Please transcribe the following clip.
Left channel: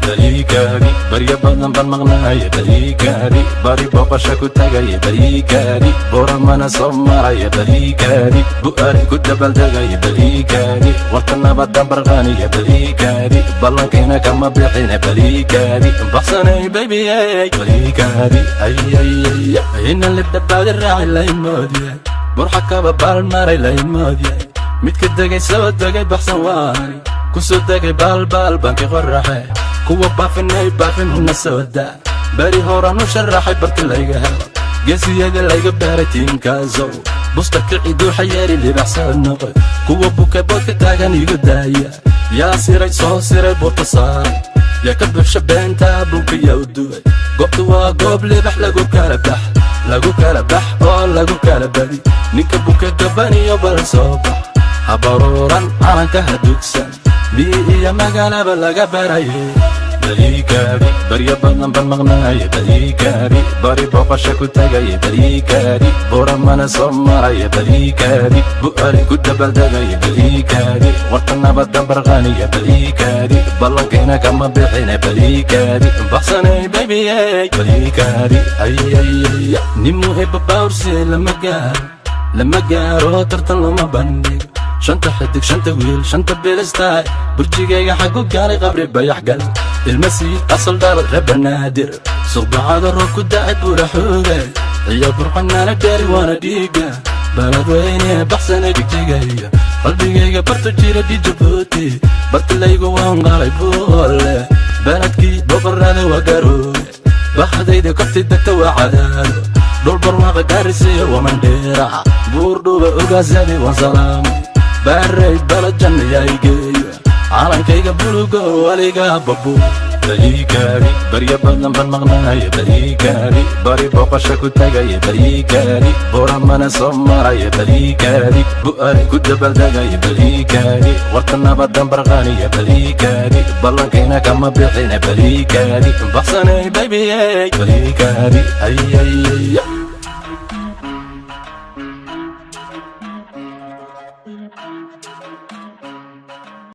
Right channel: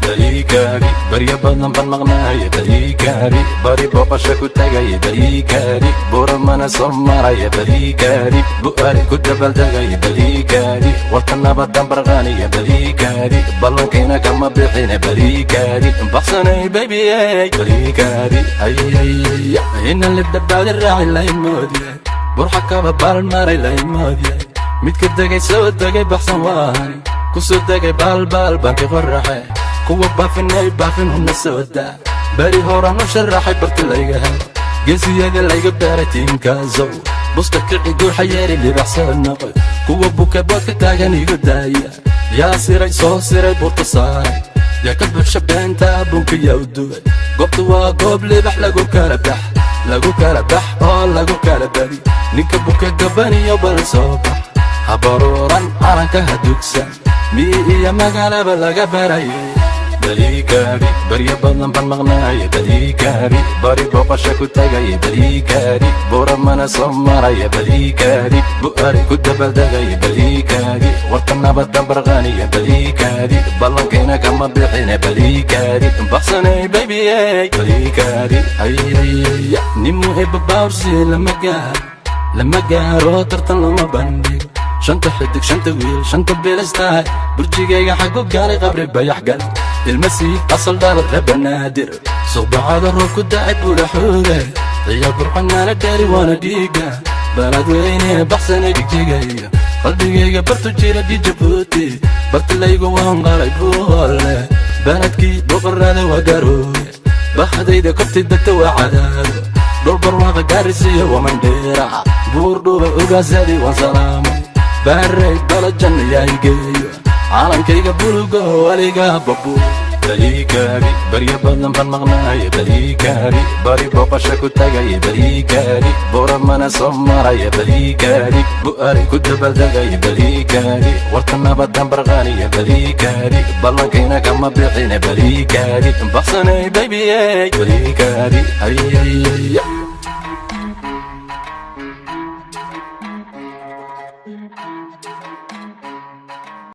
Baliikari, bariya badan baan maqnaaya baliikari, bari booqasho ku tagaya baliikari, bora mana soo maraya baliikari, bu'aad ku dabaldegaya baliikari, warta nabadan barqaaniya baliikari, ballankeena kama bixina baliikari, baqsanay baby baliikari, ina libdhabaadi raaci laynmoodiye, burxa kaba baaran maray laynmoodiye, midka degay soo degay baqsan waay, kusoo degay baalbaal baan ka farraxay, kuwa baafinay baafin huna soo daa, bari hora no sharaxay barta layga hel, geesiyada layga baaray tiinkaasow, busta kicidoo xayeeri libaxsan noqoy, kuwa buka boodka taagan iga daaya, yaa siray soo siray boorta saaray, yaa ka buxsha beenta bunka yaa u duway, goobta waa goob libax lagu kala bax oo lagu kala bari, ninka buka gabaniyo balan soo bax, habaruuran calanka hadugsan, miidiya magaalaba laga barayo baliikari, barya badan baan maqnaaya baliikari, bari booqasho ku tagaya baliikari, bura mana soo maraya baliikari, bu'aad ku dabaldegaya baliikari, warta nabadan barqaaniya baliikari, ballankeena kama bixina baliikari, baqsanay baby baliikari, nin muhiba baawrsi lama gaaro tartan lama bandhigo, shanta xidig shanta wiil shanta beelistaay, burjigayga xag ku gaaray qabri bayax gal, ilmasiid asal dhal raba naadir, suqbacada roob ku dacay buula xooge, iyo burxanaana gaari waana dhiiga, baladweyne baxsana dhigjigayga, qalbigayga bartu jira dijabuuti, bartilaygu waan qalay buule, baladkii boqorada waa garooy, baqadayda korti degta waa cadaado, dhulbarwaqa gaarisiyo wamandheera, buurdhuba ogaasadi waa salaamay, baray balajan yaygeeyo, calankayga buluga waliga babu baliikari, barya badan baan maqnaaya baliikari, bari booqasho ku tagaya baliikari, bura mana soo maraya baliikari, bu'aad ku dabaldegaya baliikari, warta nabadan barqaaniya baliikari.